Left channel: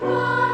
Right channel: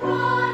Bye.